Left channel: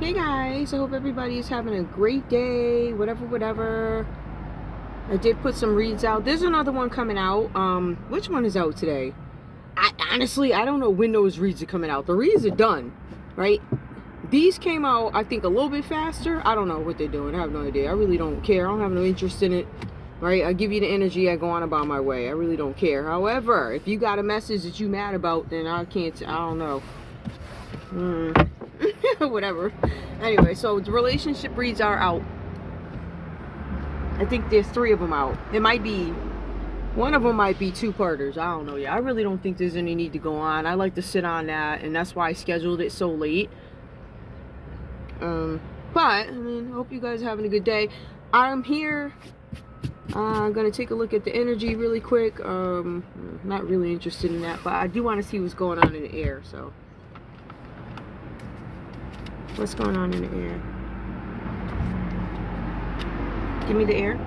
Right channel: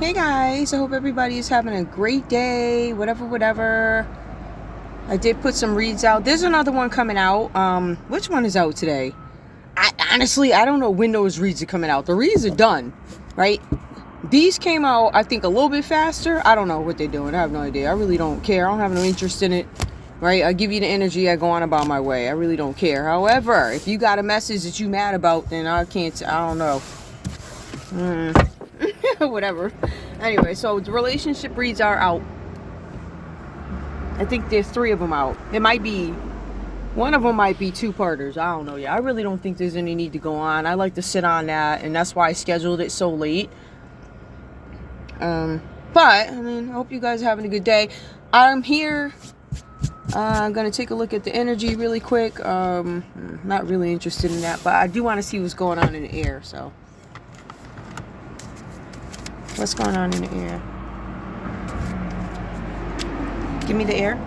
Hey guys, I hope everybody is having a great day, whatever. I did put some reads out. There's another one coming out. Which one is out today? Honestly, I don't know when those reads are coming out. The reads are done, right? These came out, I think, a little bit faster. I don't know what they're doing. I have no idea. I really don't care. I don't have no interest in it, right? I give you the energy. I go on about my way. I really don't care. However, if you got a message that you mad about, then I don't know. Whatever. Anyway, so the relationship reads are out. I think there's 3 of them out. It might be, one of them might be 2-parters. I don't know yet. I really don't think there's any need to go on. I like to sit on that, and that's why I scheduled it so late. But, I mean, I hope you guys are having a good day. I'm here. I'm going to take a look at the energy really quick. Not really interested in that, but I do want to see what's going on in the air, so. What's going on in the air? Give me the air.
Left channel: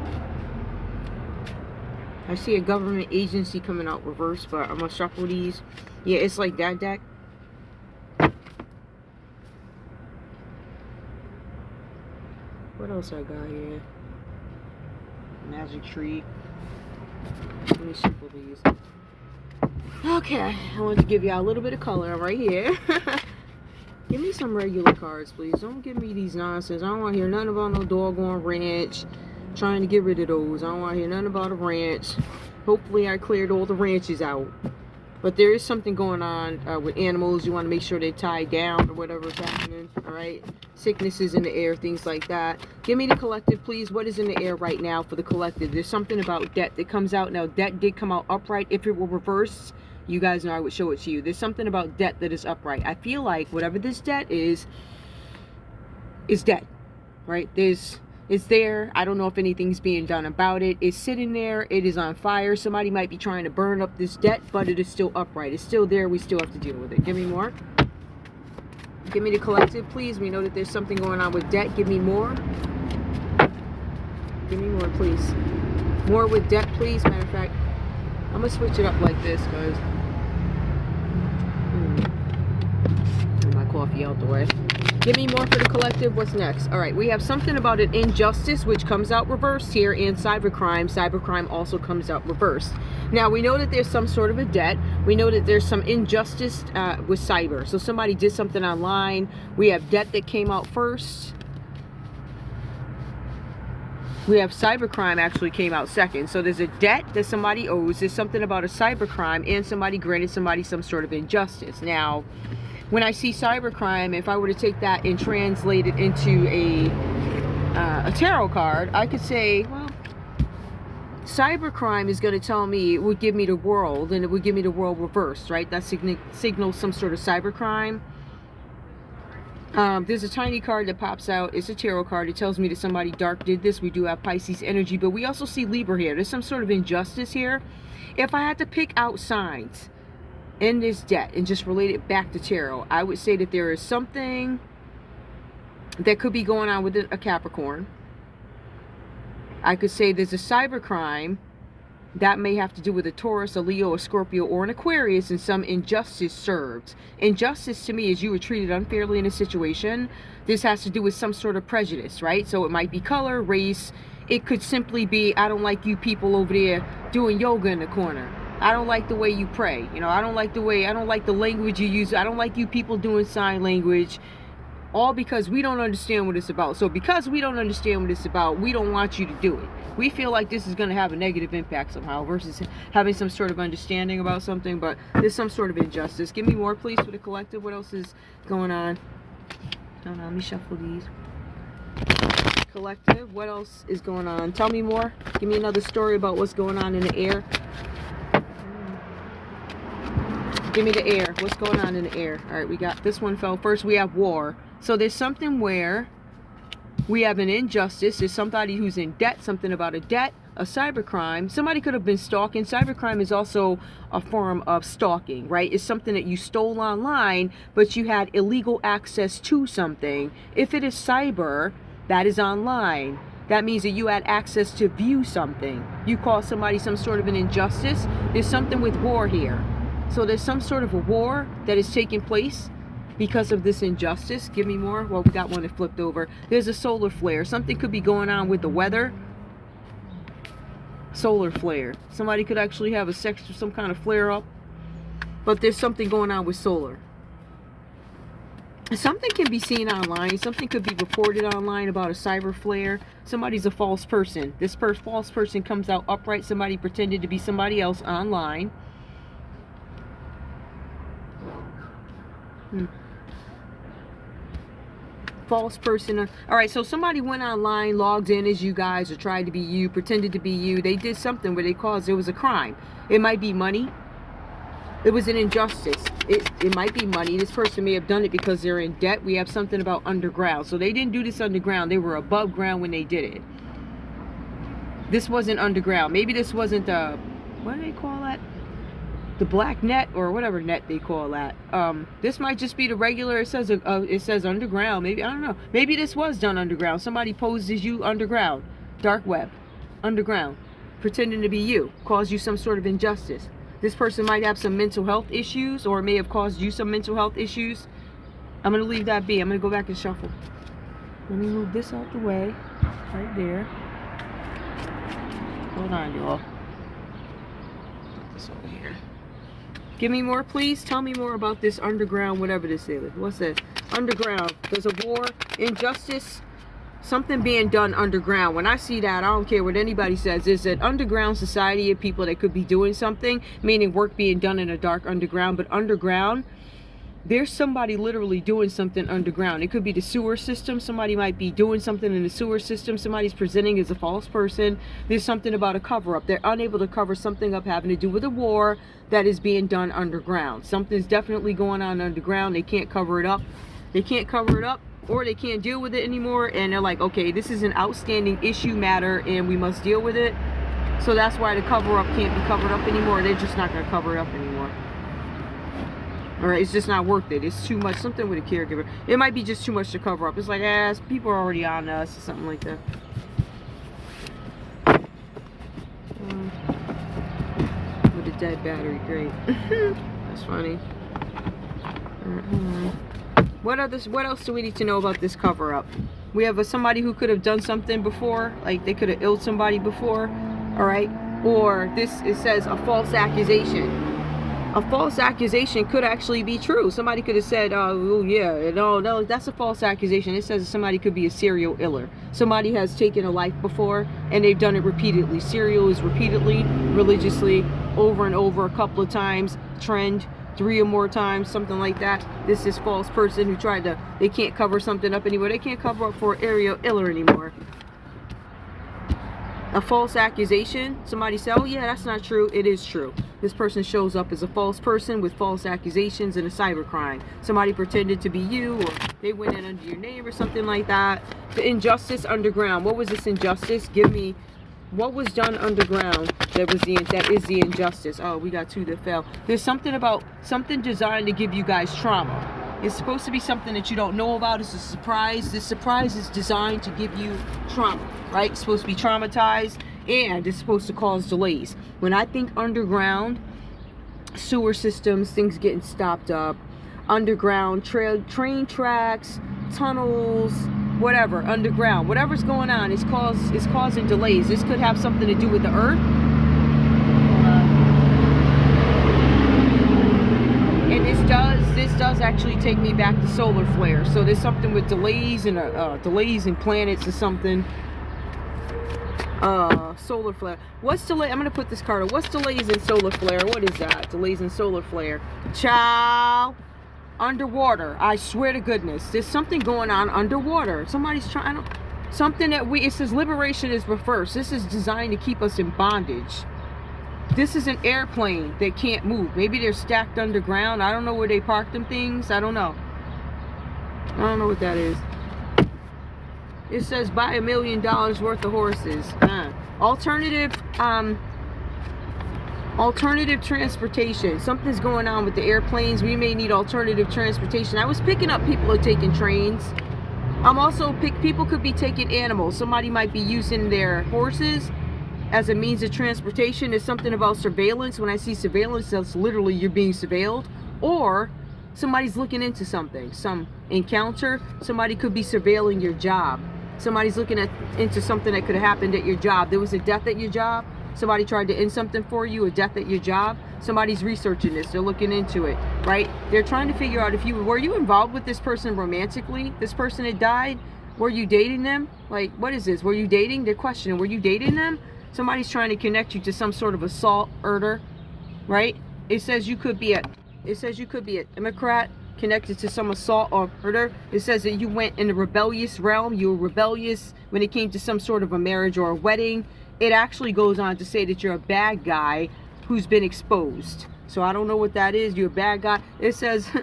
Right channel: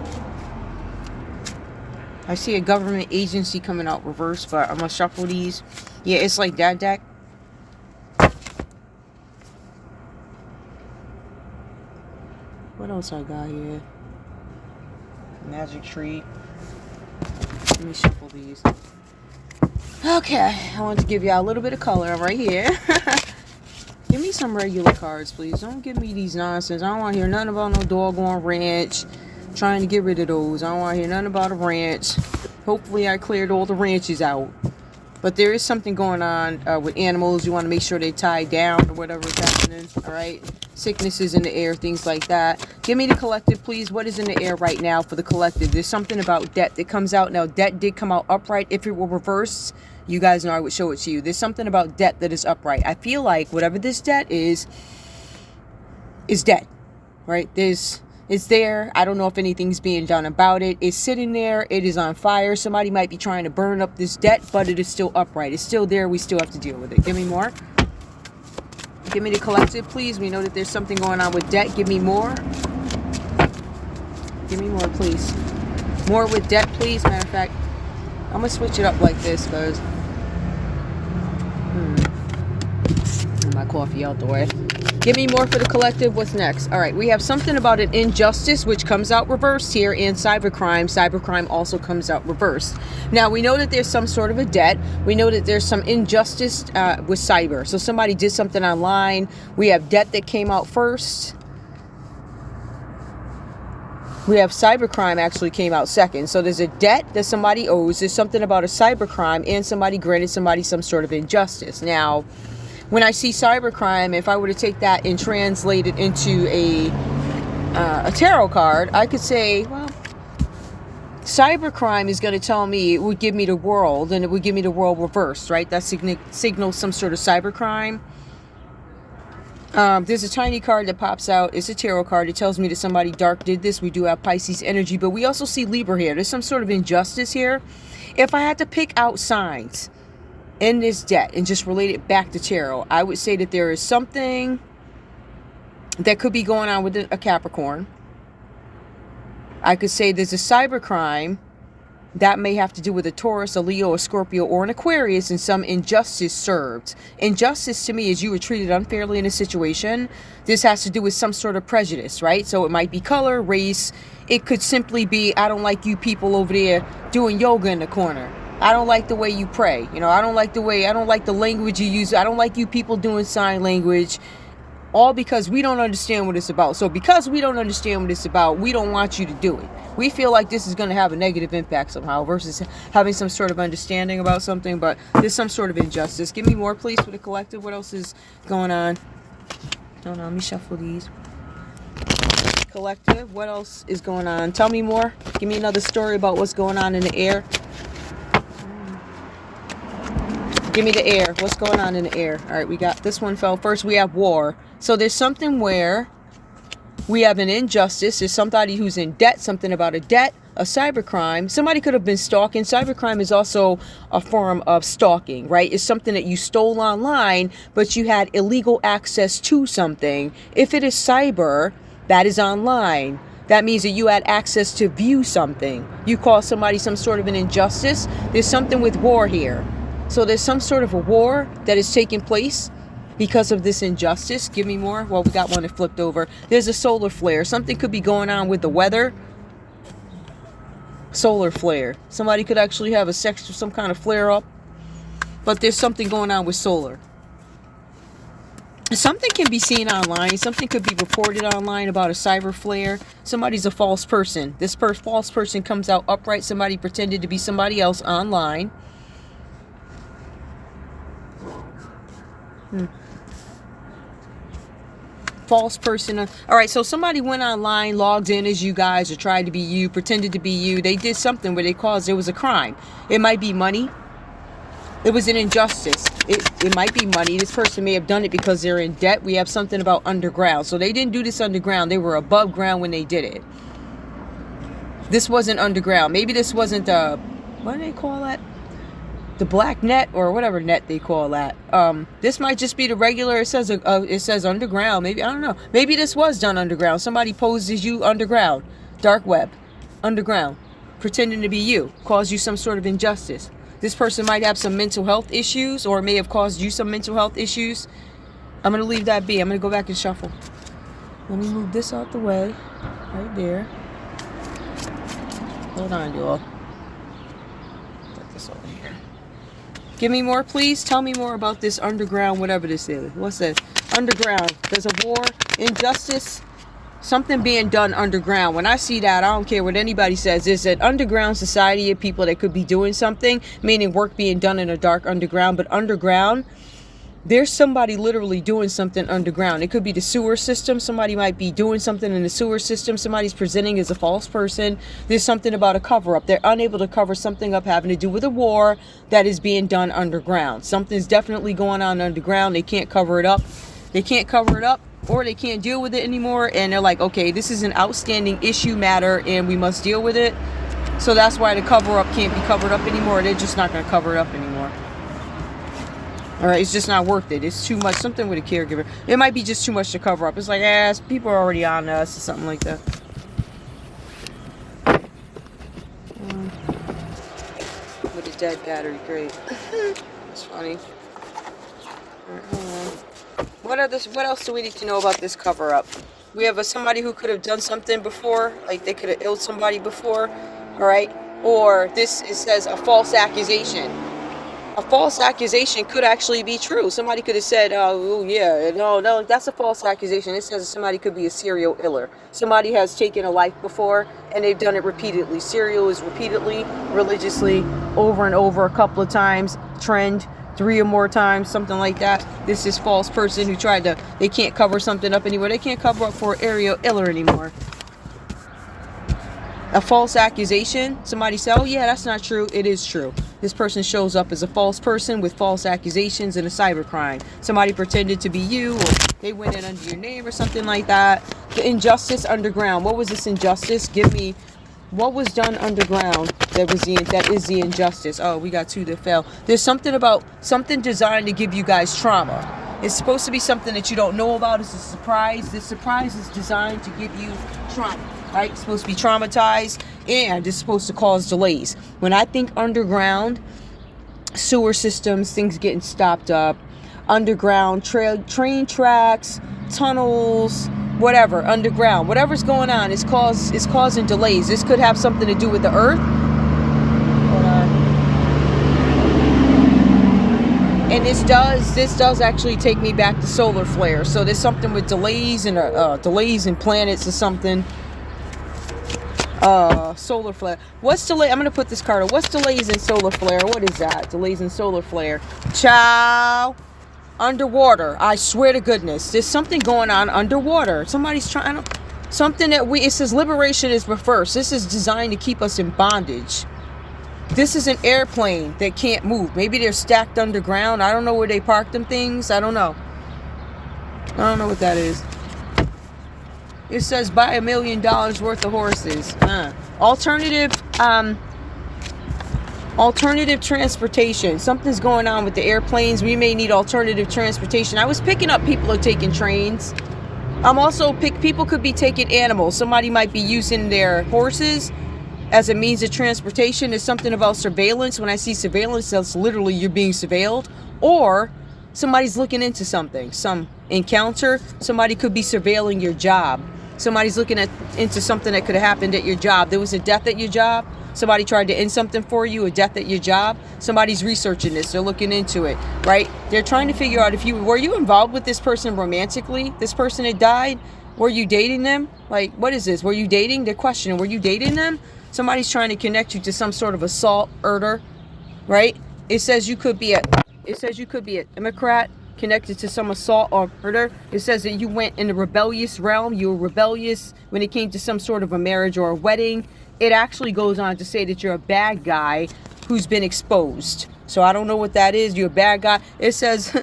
I see a government agency coming out reverse, but I'm gonna shuffle these. Yeah, it's like that deck. What else I got here? Magic tree. Let me shuffle these. Okay, I want to give y'all a little bit of color right here. Give me some regular cards, please. Don't give me these nonsense. I don't want to hear nothing about no doggone ranch. Trying to get rid of those. I don't want to hear nothing about a ranch. Hopefully I cleared all the ranches out. But there is something going on with animals. You want to make sure they're tied down or whatever is happening. Alright? Sicknesses in the air, things like that. Give me the collective, please. What is in the air right now for the collective? There's something about debt that comes out. Now, debt did come out upright. If it were reversed, you guys know I would show it to you. There's something about debt that is upright. I feel like whatever this debt is debt, right? It's there. I don't know if anything's being done about it. It's sitting there. It is on fire. Somebody might be trying to burn up this debt, but it is still upright. It's still there. We still have to deal with it. Give me more. Give me the collective, please. We know that there's something going on with debt. Give me more. Give me more, please. More with debt, please. Matter of fact, I'm going to switch it up like this because my coffee out the way. Give me more for the collective. What's next? All right, we have something about an injustice, which comes out reversed here, and cybercrime. Cybercrime also comes out reversed. Now, we know that there's some sort of a debt. We know that there's some injustice with cyber. So somebody did something online. We have debt that came out first. We have cybercrime actually came out second. So there's a debt that somebody owes. There's something about a cybercrime, and somebody granted somebody some sort of injustice. Now, when I see cybercrime, if I were to take that and translate it into a tarot card, I could say, well, cybercrime is going to tell me, it would give me the world, and it would give me the world reversed, right? That signals some sort of cybercrime. There's a tiny card that pops out. It's a tarot card. It tells me that somebody dark did this. We do have Pisces energy, but we also see Libra here. There's some sort of injustice here. If I had to pick out signs in this debt and just relate it back to tarot, I would say that there is something that could be going on with a Capricorn. I could say there's a cybercrime that may have to do with a Taurus, a Leo, a Scorpio, or an Aquarius, and some injustice served. Injustice to me is you were treated unfairly in a situation. This has to do with some sort of prejudice, right? So it might be color, race. It could simply be, I don't like you people over there doing yoga in the corner. I don't like the way you pray. You know, I don't like the language you use. I don't like you people doing sign language. All because we don't understand what it's about. So because we don't understand what it's about, we don't want you to do it. We feel like this is going to have a negative impact somehow versus having some sort of understanding about something, but there's some sort of injustice. Give me more, please, for the collective. What else is going on? Hold on, let me shuffle these. Collective, what else is going on? Tell me more. Give me another story about what's going on in the air. Give me the air. What's going on in the air? All right, we got this one fell first. We have war. So there's something where we have an injustice. There's somebody who's in debt, something about a debt, a cybercrime. Somebody could have been stalking. Cybercrime is also a form of stalking, right? It's something that you stole online, but you had illegal access to something. If it is cyber, that is online. That means that you had access to view something. You call somebody some sort of an injustice. There's something with war here. So there's some sort of a war that is taking place because of this injustice. Give me more. Well, we got one that flipped over. There's a solar flare. Something could be going on with the weather. Solar flare. Somebody could actually have some kind of flare up. But there's something going on with solar. Something can be seen online. Something could be reported online about a cyber flare. Somebody's a false person. This false person comes out upright. Somebody pretended to be somebody else online. False person. All right, so somebody went online, logged in as you guys, or tried to be you, pretended to be you. They did something where there was a crime. It might be money. It was an injustice. It might be money. This person may have done it because they're in debt. We have something about underground. So they didn't do this underground. They were above ground when they did it. This wasn't underground. Maybe this wasn't what do they call that? The black net or whatever net they call that. This might just be the regular. It says underground. Maybe, I don't know. Maybe this was done underground. Somebody posed as you underground, dark web, underground, pretending to be you, caused you some sort of injustice. This person might have some mental health issues, or may have caused you some mental health issues. I'm going to leave that be. I'm going to go back and shuffle. Let me move this out the way. Right there. Hold on, y'all. Put this over here. Give me more, please. Tell me more about this underground, whatever this is. What's that? Underground. There's a war, injustice, something being done underground. When I see that, I don't care what anybody says. There's an underground society of people that could be doing something, meaning work being done in a dark underground. But underground, there's somebody literally doing something underground. It could be the sewer system. Somebody might be doing something in the sewer system. Somebody's presenting as a false person. There's something about a cover-up. They're unable to cover something up having to do with a war that is being done underground. Something's definitely going on underground. They can't cover it up. They can't cover it up, or they can't deal with it anymore, and they're like, okay, this is an outstanding issue matter and we must deal with it. So that's why the cover-up can't be covered up anymore. They're just not going to cover it up anymore. All right, it's just not worth it. It's too much. Something with a caregiver. It might be just too much to cover up. It's like, people are already on us or something like that. With a dead battery, great. It's funny. What else do we need to know about this cover-up? We have somebody who could have done something before, like they could have illed somebody before, all right? Or it says a false accusation. A false accusation could actually be true. Somebody could have said, oh yeah, no, that's a false accusation. It says somebody could be a serial iller. Somebody has taken a life before, and they've done it repeatedly. Serial is repeatedly, religiously, over and over, a couple of times, trend, 3 or more times, something like that. This is false person who they can't cover something up anymore. They can't cover up for serial iller anymore. A false accusation, somebody say, oh yeah, that's not true. It is true. This person shows up as a false person with false accusations in a cybercrime. Somebody pretended to be you, or they went in under your name or something like that. The injustice underground. What was this injustice? Give me what was done underground that is the injustice. Oh, we got 2 that fell. There's something designed to give you guys trauma. It's supposed to be something that you don't know about. It's a surprise. This surprise is designed to give you trauma, right? It's supposed to be traumatized, and it's supposed to cause delays. When I think underground, sewer systems, things getting stopped up, underground train tracks, tunnels, whatever, underground, whatever's going on, it's causing delays. This could have something to do with the earth. And this does actually take me back to solar flare. So there's something with delays and planets or something. Solar flare. What's delay? I'm gonna put this card on. What's delays in solar flare? What is that? Delays in solar flare. Ciao. Underwater. I swear to goodness, there's something going on underwater. Somebody's trying to. Something that it says liberation is reversed. This is designed to keep us in bondage. This is an airplane that can't move. Maybe they're stacked underground. I don't know where they park them things. I don't know. I don't know what that is. It says buy $1 million worth of horses. Alternative transportation. Something's going on with the airplanes. We may need alternative transportation. I was picking up people are taking trains. I'm also people could be taking animals. Somebody might be using their horses as a means of transportation. There's something about surveillance. When I see surveillance, that's literally you're being surveilled. Or Somebody's looking into something, some encounter. Somebody could be surveilling your job. Somebody's looking into something that could have happened at your job. There was a death at your job. Somebody tried to end something for you, a death at your job. Somebody's researching this. They're looking into it, right? They're trying to figure out if you were you involved with this person romantically, this person that died. Were you dating them? Like, what is this? Were you dating? They're questioning, were you dating them? Somebody's trying to connect you to some sort of assault, murder, right? It says you could be a Democrat connected to some assault or murder. It says that you went in the rebellious realm. You were rebellious when it came to some sort of a marriage or a wedding. It actually goes on to say that you're a bad guy who's been exposed. So I don't know what that is. You're a bad guy. It says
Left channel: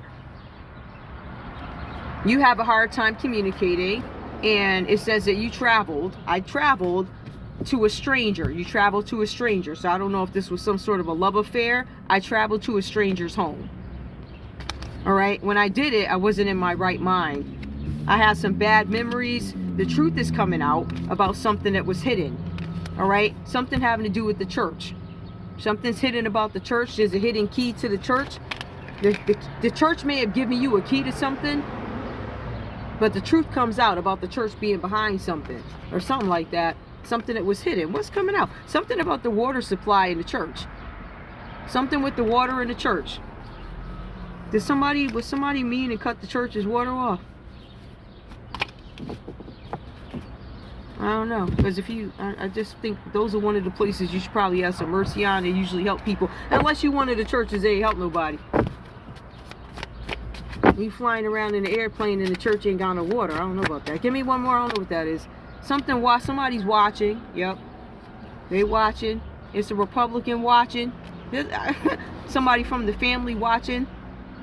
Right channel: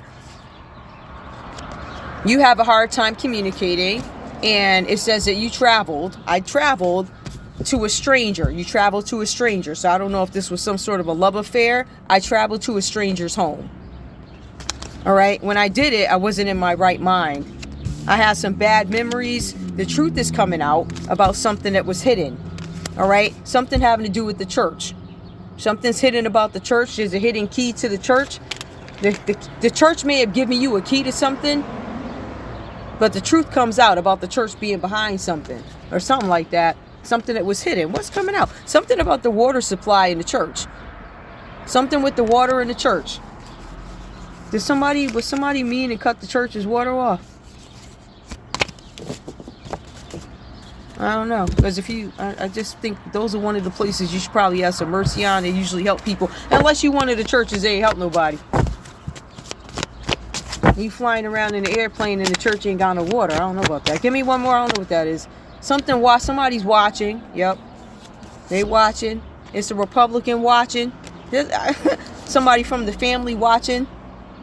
you have a hard time communicating. And it says that you traveled. I traveled to a stranger. You traveled to a stranger. So I don't know if this was some sort of a love affair. I traveled to a stranger's home. All right. When I did it, I wasn't in my right mind. I had some bad memories. The truth is coming out about something that was hidden. All right. Something having to do with the church. Something's hidden about the church. There's a hidden key to the church. The church may have given you a key to something, but the truth comes out about the church being behind something or something like that. Something that was hidden. What's coming out? Something about the water supply in the church. Something with the water in the church. Was somebody mean and cut the church's water off? I don't know. Because I just think those are one of the places you should probably have some mercy on. They usually help people. Unless you one of the churches, they ain't help nobody. You flying around in the airplane and the church ain't got no water. I don't know about that. Give me one more. I don't know what that is. Somebody's watching. Yep. They watching. It's a Republican watching. Somebody from the family watching.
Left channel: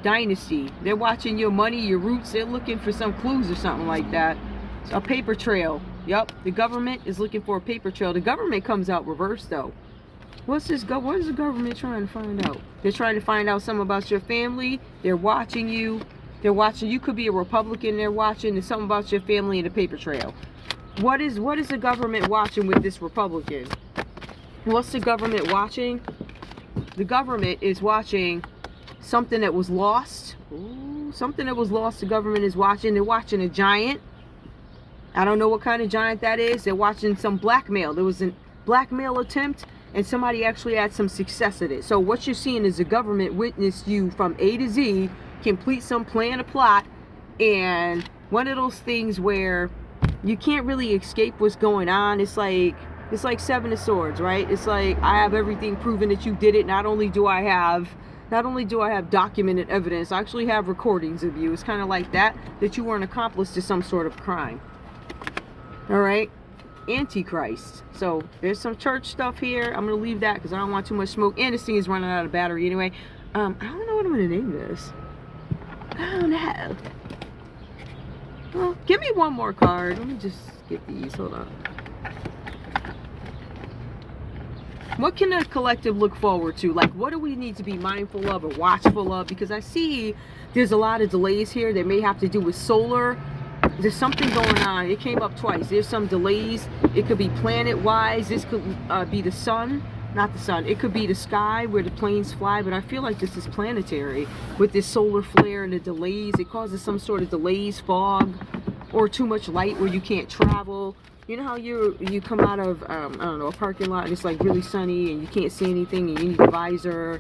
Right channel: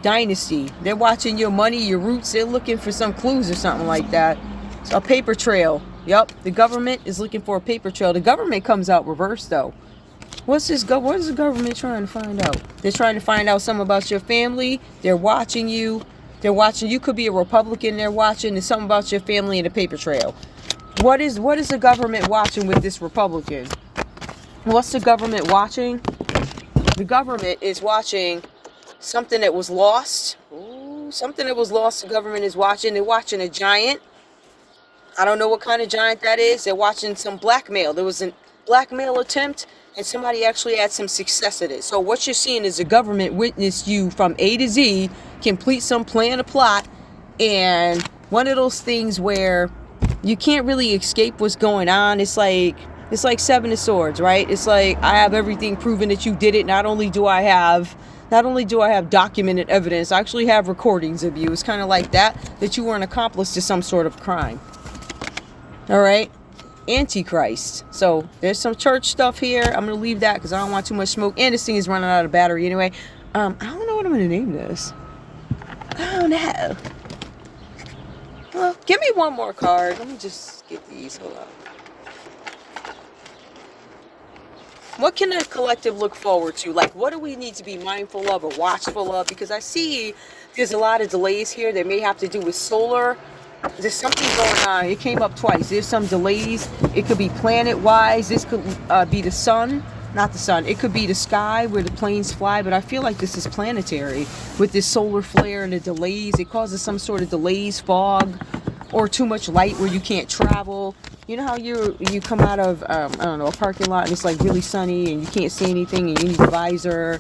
Dynasty. They're watching your money, your roots. They're looking for some clues or something like that. It's a paper trail. Yep. The government is looking for a paper trail. The government comes out reversed though. What is the government trying to find out? They're trying to find out something about your family. They're watching you. They're watching. You could be a Republican. They're watching. There's something about your family in the paper trail. What is the government watching with this Republican? What's the government watching? The government is watching something that was lost. Ooh, something that was lost. The government is watching. They're watching a giant. I don't know what kind of giant that is. They're watching some blackmail. There was a blackmail attempt, and somebody actually had some success at it. So what you're seeing is the government witnessed you from A to Z, complete some plan, a plot, and one of those things where you can't really escape what's going on. It's like Seven of Swords, right? It's like I have everything proven that you did it. Not only do I have documented evidence, I actually have recordings of you. It's kind of like that you were an accomplice to some sort of crime. All right. Antichrist. So there's some church stuff here. I'm going to leave that because I don't want too much smoke. And this thing is running out of battery anyway. I don't know what I'm going to name this. I don't know. Well, give me one more card. Let me just get these. Hold on. What can a collective look forward to? Like, what do we need to be mindful of or watchful of? Because I see there's a lot of delays here that may have to do with solar. There's something going on. It came up twice. There's some delays. It could be planet-wise. This could be the sun. Not the sun. It could be the sky where the planes fly. But I feel like this is planetary with this solar flare and the delays. It causes some sort of delays, fog, or too much light where you can't travel. You know how you come out of, I don't know, a parking lot and it's like really sunny and you can't see anything and you need a visor.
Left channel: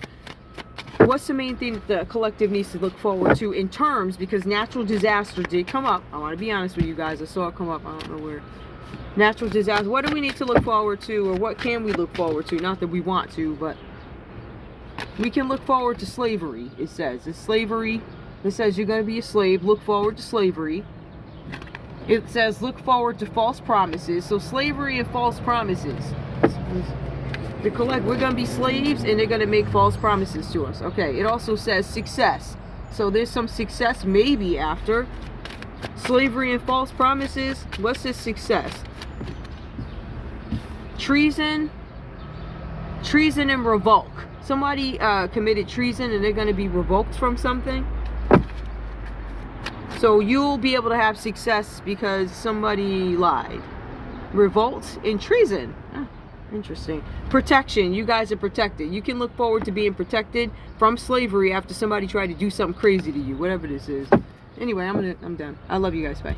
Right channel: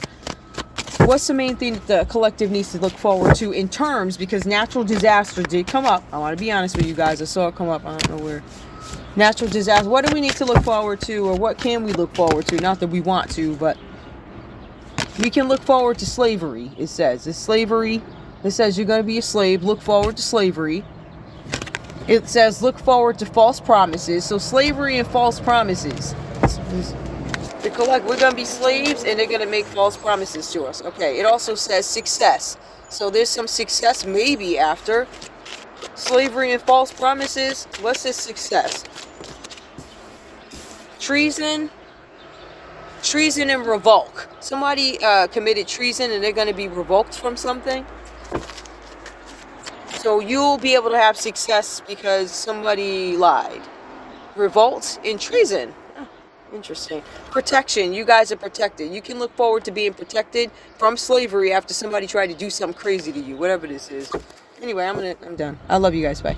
What's the main thing that the collective needs to look forward to in terms, because natural disaster did come up. I want to be honest with you guys. I saw it come up. I don't know where. Natural disaster. What do we need to look forward to, or what can we look forward to? Not that we want to, but we can look forward to slavery. It says. It's slavery. It says you're going to be a slave. Look forward to slavery. It says look forward to false promises. So slavery and false promises. We're going to be slaves and they're going to make false promises to us. Okay. It also says success. So there's some success maybe after slavery and false promises. What's this success? Treason and revoke. Somebody committed treason and they're going to be revoked from something. So you'll be able to have success because somebody lied. Revolt and treason. Interesting. Protection. You guys are protected. You can look forward to being protected from slavery after somebody tried to do something crazy to you, whatever this is. Anyway, I'm done. I love you guys. Bye.